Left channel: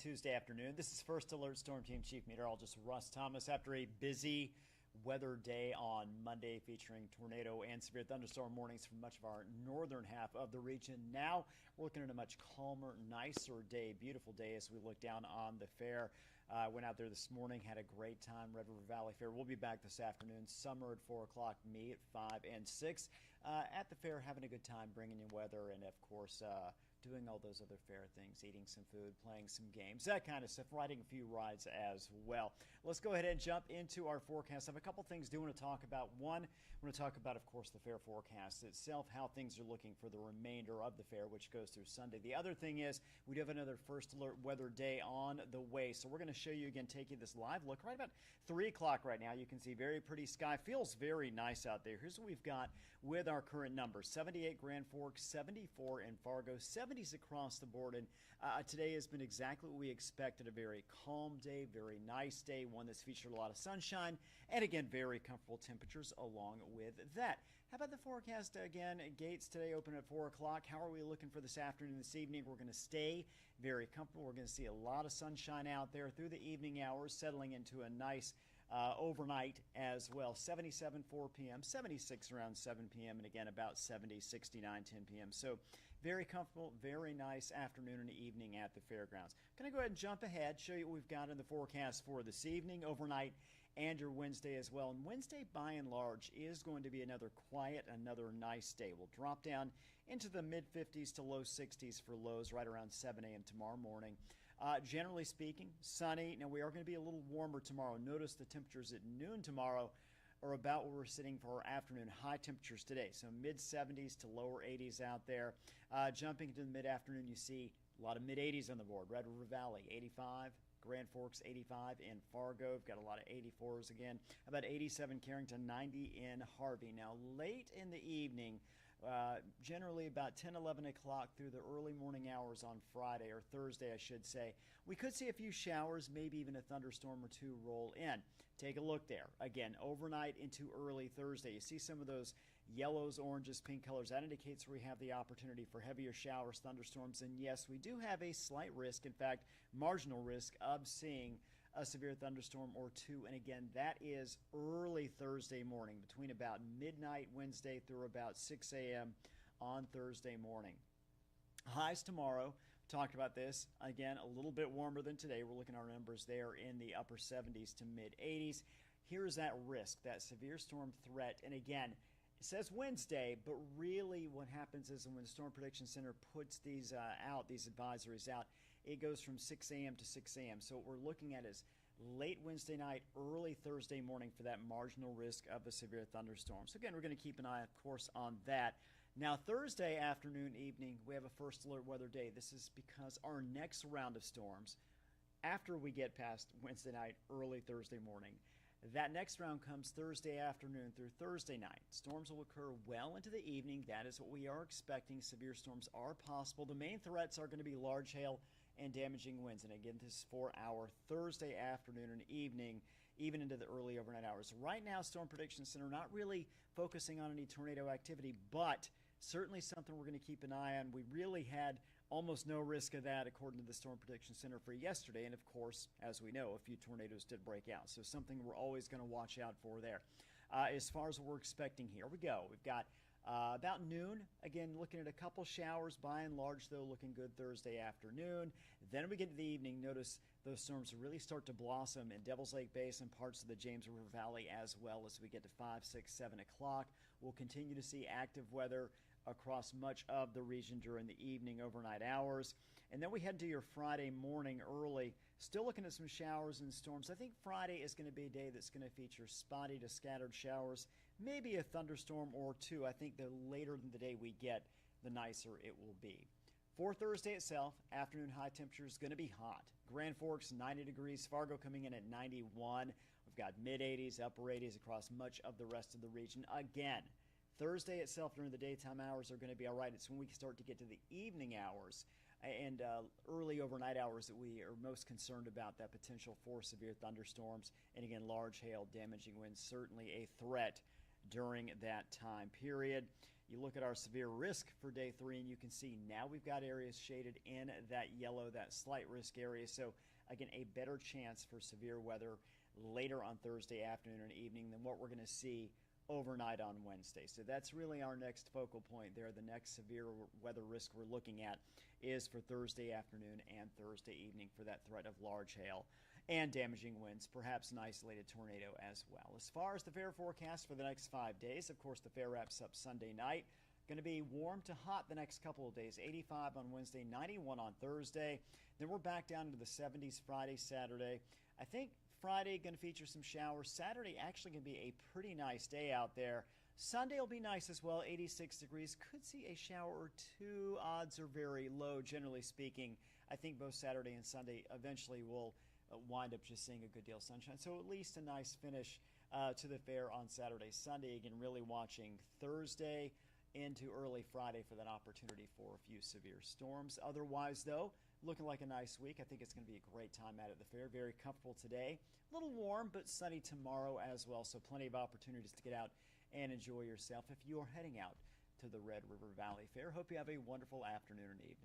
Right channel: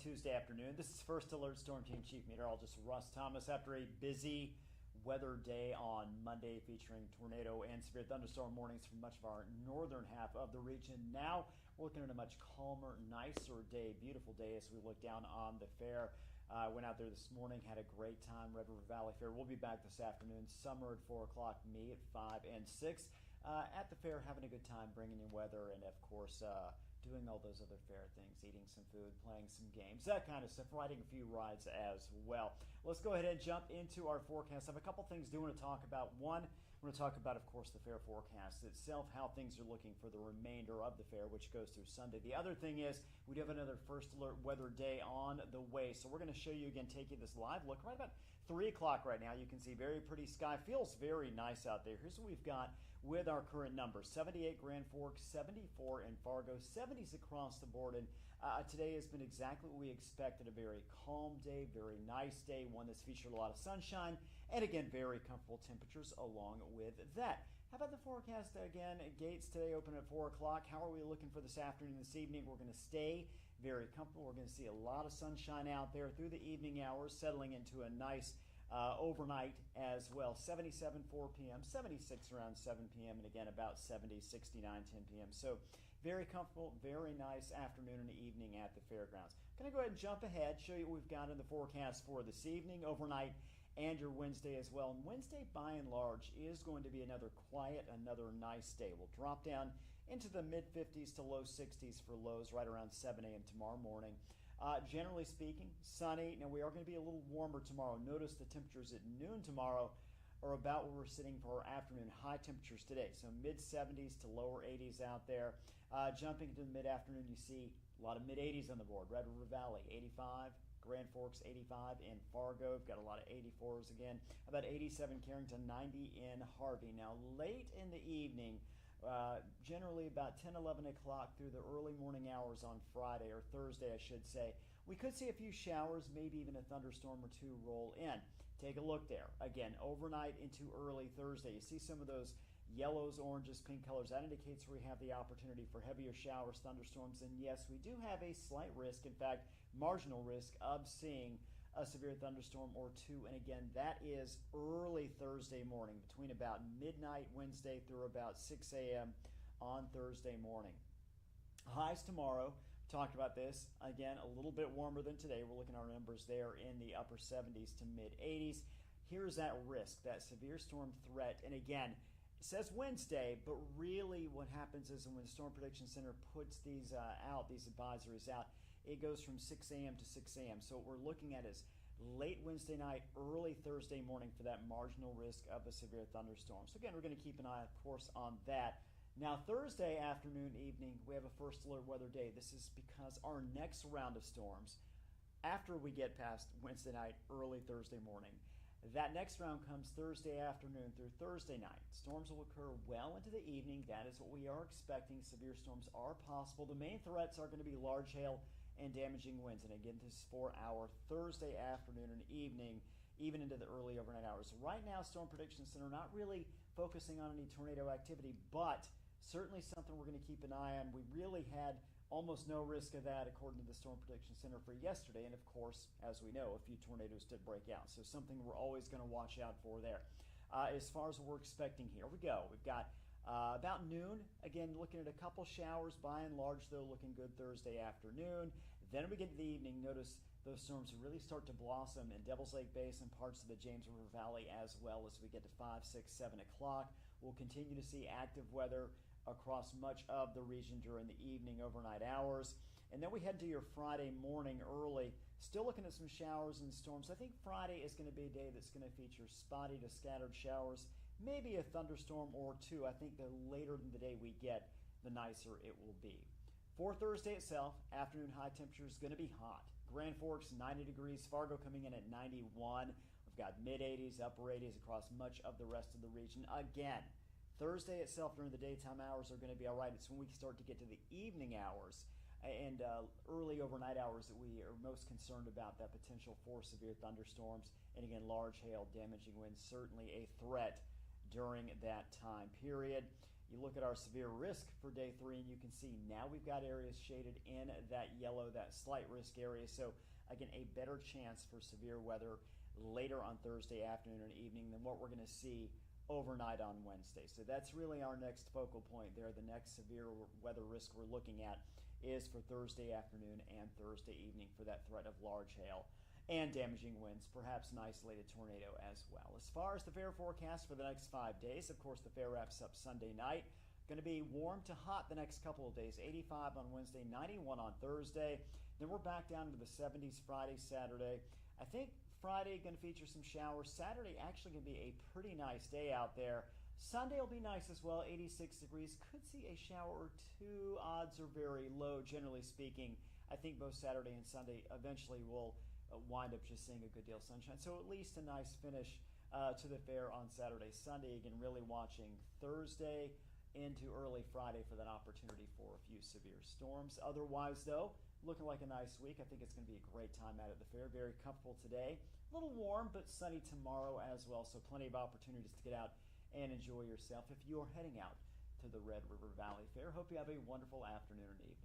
Tuesday afternoon. This is First Alert Storm Team Chief Meteorologist Russ Thomas. After a busy weather day on Monday featuring tornado and severe thunderstorm warnings for much of our northern half of the region, now we're looking at a much calmer, nicer day, beautiful day as we look down on the fair. Went out there this morning, had a great time, Red River Valley Fair. We'll be back this afternoon, summer at 4 o'clock, me at 5 and 6. At the fair, having a good time, bringing in weather, and of course, doing all those other fair things, eating some food, playing some games, that kind of stuff, riding a few rides as well. Let's go ahead and jump into our forecast. I have a couple things I do want to talk about. One, I want to talk about, of course, the fair forecast itself, how things are looking for the remainder of the fair, which goes through Sunday. The other thing is we do have another First Alert weather day on the way, so we're going to show you again, taking this live look right about 3 o'clock right now. You can see very pretty sky, feels very nice out there. Here's what we've got with our current numbers: 78 Grand Forks, 74 in Fargo, 70s across the board, and today has been exactly what we expected. A very calm day, very nice day, one that's featured a lot of sunshine, and again, very comfortable temperatures along with that. How about the forecast again? Gates today open at 4 o'clock. How are we looking for this afternoon, this evening? We're going to stay very comfortable. We're going to see a lot of sunshine out there through the evening hours, settling into a nice overnight as well. 77 4 p.m., 76 around 7 p.m., and again about 70, 69, 10 p.m. So very comfortable, very nice afternoon and evening at the fairgrounds. I'm going to go ahead and jump ahead, show you what we've got in the forecast for this evening, overnight, and your Wednesday as well. And Wednesday, by and large, is going to be another quiet, another nice day. We'll drop down into the mid-50s to low 60s for lows right around 7 a.m. tomorrow morning. Generally speaking, sunny. Now, we are going to be a little warmer tomorrow. Notice the temperatures at noon tomorrow are about where we're sitting for our afternoon high temperatures today. So mid-70s to lower 80s out there. Jumping into the mid-afternoon, you see a lot of mid-80s on the board. Red River Valley, 85. Grand Forks, 85 in Fargo. We've got a lot of 84s again. About 87 Carrington, 90 in Harvey. Now, late in the evening, generally about 10, 11 o'clock through the early morning hours on Friday, or Thursday, I should say, we could see a few showers, maybe even a thunderstorm or two roll in. Take a look there. Again, overnight into early Thursday, you see some of those yellows, oranges, pink colors. That indicates where we have the opportunity for heavier showers, thunderstorms, and yes, we do have a slight risk, in fact, marginal risk of seeing a severe thunderstorm or two. And again, that is early Thursday morning, between about midnight Wednesday through about 6 a.m. on Thursday morning. Highs tomorrow, talked about this, again, a little bit warmer than today. We're looking at our numbers there in the upper 70s to mid 80s. Here's that risk, that severe storm threat. And again, it says Wednesday, but really what happens is when the Storm Prediction Center puts these out, these advisories out, it goes from 6 a.m. to 6 a.m. So what we're looking at is late Wednesday night, early Thursday morning for that marginal risk of a severe thunderstorm. So again, we're going to keep an eye, of course, on that. Now, Thursday afternoon, evening, we have a First Alert weather day. This is because our next round of storms, after we get past Wednesday night, early Thursday morning, that next round comes Thursday afternoon through Thursday night. Storms will occur well into the evening. That is what we are expecting. Severe storms are possible. The main threats are going to be large hail and damaging winds. And again, this is for our Thursday afternoon and evening, even into the early overnight hours. Right now, Storm Prediction Center not really focusing on any tornado activity, but certainly something we're going to keep an eye on. We really had almost no risk of that according to the Storm Prediction Center for yesterday. And of course, as we know, a few tornadoes did break out. So something we're always going to watch out for there. As far as what we're expecting, here we go. We've got about noon, again, looking at a couple showers, by and large, though, looking good Thursday afternoon. Then we get to the evening, notice those storms really start to blossom in Devil's Lake Basin, parts of the James River Valley, as well as we get to 5, 6, 7 o'clock. We'll continue to see active weather across much of the region during the evening, overnight hours. And then we head to your Friday morning early, still looking at some showers and storms. I think Friday is going to be a day that's going to feature spotty to scattered showers, maybe a thunderstorm or two. I think the later in the day we get, the nicer it will be. For Thursday itself, afternoon high temperature is going to be hot. Grand Forks, 90 degrees. Fargo coming in at 91. We've got mid-80s, upper 80s across much of the rest of the region. Again, Thursday itself during the daytime hours are going to be all right. It's when we start to get to the evening hours and early overnight hours that we are most concerned about that potential for severe thunderstorms. And again, large hail, damaging winds, certainly a threat during that time period. You look at our severe risk for day 3, and you can see now we've got areas shaded in that yellow, that slight risk area. So again, a better chance for severe weather later on Thursday afternoon and evening than what we're going to see overnight on Wednesday. So that's really our next focal point there. The next severe weather risk we're looking at is for Thursday afternoon and Thursday evening for that threat of large hail and damaging winds, perhaps an isolated tornado as well. As far as the fair forecast for the next 5 days, of course, the fair wraps up Sunday night. Going to be warm to hot the next couple of days. 85 on Wednesday, 91 on Thursday. Then we're back down into the 70s Friday, Saturday. I think Friday going to feature some showers. Saturday actually going to be a pretty nice day out there. Sunday will be nice as well, 86 degrees. Could see a shower or two. Odds are very low, generally speaking. I think both Saturday and Sunday eventually will wind up just seeing a good deal of sunshine. So at least a nice finish to the fair on Saturday, Sunday. Again, really watching Thursday into early Friday for that opportunity for a few severe storms. Otherwise, though, looking like a nice week. I think it's going to be a great time out at the fair. Very comfortable today. A little warm, but sunny tomorrow as well. So plenty of opportunities to get out and enjoy yourself if you are heading out to the Red River Valley Fair. Hope you have a wonderful afternoon and evening.